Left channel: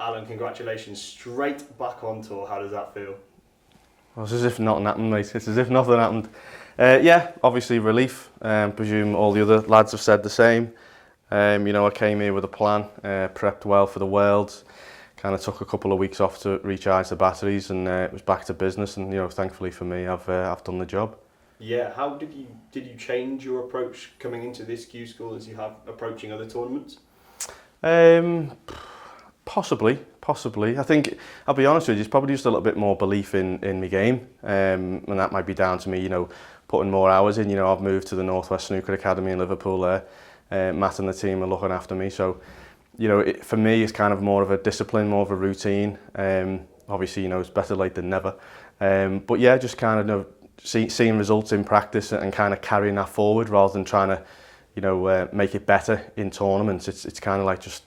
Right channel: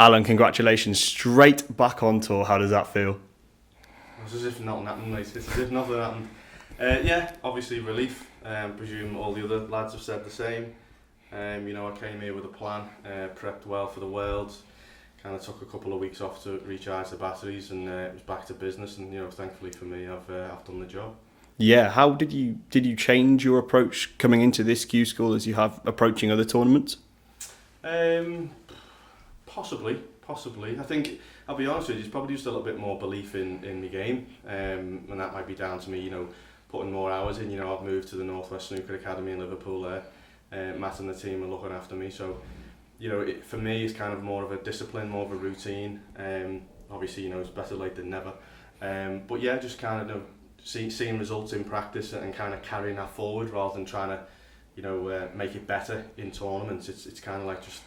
Alan, congratulations. Straight back on tour. How does that feel? Well, it's as if nothing happened, mate. It's as if nothing happened. Yeah, obviously relief. Presume all the other lads have said the same. I came here with a plan, prepped well for the Worlds, kind of took a couple of weeks off to recharge the batteries, and it was back to business. And thankfully for me, I've done the job. Yeah, how did you change your approach coming into this Q School as you have approaching other tournaments? Possibly. I think, I'll be honest with you, it's probably just a little bit more belief in my game, and that might be down to me, putting more hours in. I've moved to the Northwest Snooker Academy in Liverpool there. Matt and the team are looking after me, so for me it's kind of more of a discipline, more of a routine. Obviously, it's better late than never. But yeah, just kind of seeing results in practice and kind of carrying that forward rather than trying to make it better in tournaments. It's kind of like just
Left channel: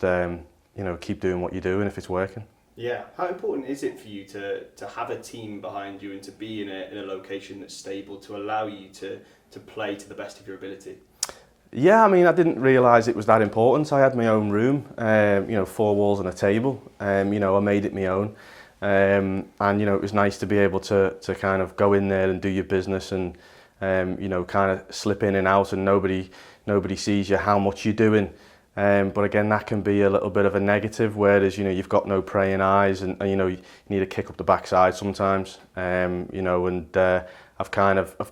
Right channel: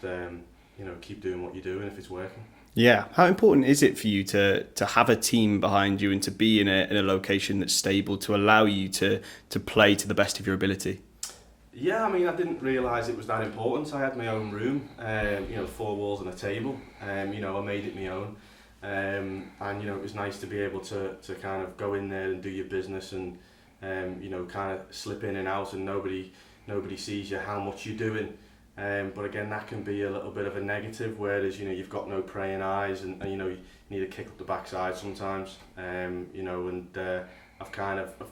keep doing what you're doing if it's working. Yeah, how important is it for you to have a team behind you and to be in a location that's stable to allow you to play to the best of your ability? Yeah, I mean, I didn't realise it was that important. I had my own room, 4 walls and a table. I made it my own. And it was nice to be able to kind of go in there and do your business and kind of slip in and out, and nobody sees you how much you're doing. But again, that can be a little bit of a negative, whereas you've got no praying eyes, and you need to kick up the backside sometimes. I've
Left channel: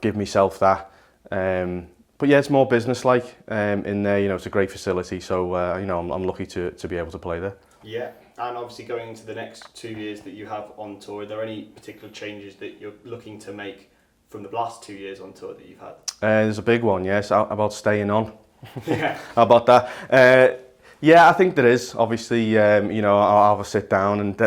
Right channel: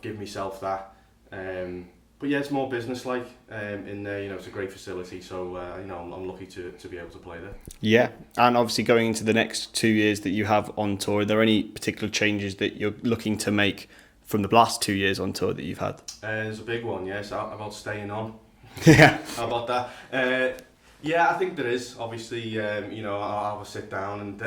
given myself that. But yeah, it's more business-like in there. It's a great facility, so I'm lucky to be able to play there. Yeah, and obviously going into the next 2 years that you have on tour, are there any particular changes that you're looking to make from the last 2 years on tour that you've had? There's a big one, yes, about staying on. Yeah. How about that? Yeah, I think there is. Obviously, I'll have a sit down and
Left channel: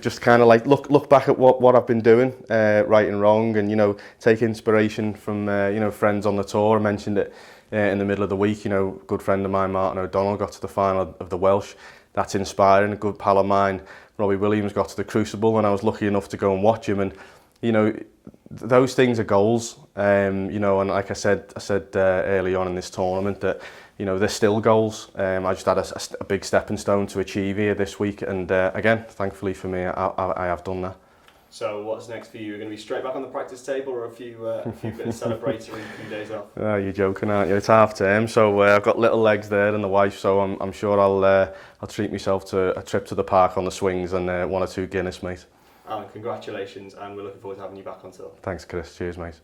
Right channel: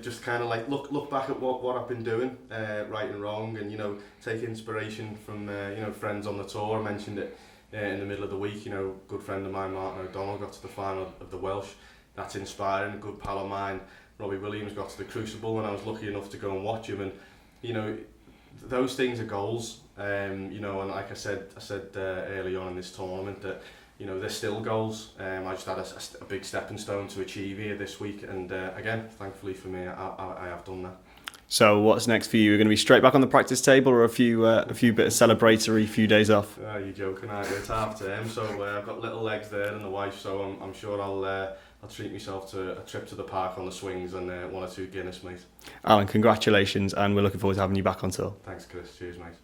just kind of like look back at what I've been doing, right and wrong, and take inspiration from friends on the tour. I mentioned it in the middle of the week. A good friend of mine, Martin O'Donnell, got to the final of the Welsh. That's inspiring. A good pal of mine, Robbie Williams, got to the Crucible, and I was lucky enough to go and watch him. And those things are goals. And like I said early on in this tournament that they're still goals. I just had a big stepping stone to achieve here this week, and again, thankfully for me, I have done that. So what's next for you? You're going to be straight back on the practice table, or a few bit of celebratory few days off? Oh, you're joking, aren't you? It's half term, so I've got little legs there and the wife, so I'm sure I'll treat myself to a trip to the park on the swings and 1 or 2 Guinness, mate. Alan, congratulations, and we're looking forward to having you back on tour. Thanks, Chris. Cheers, mate.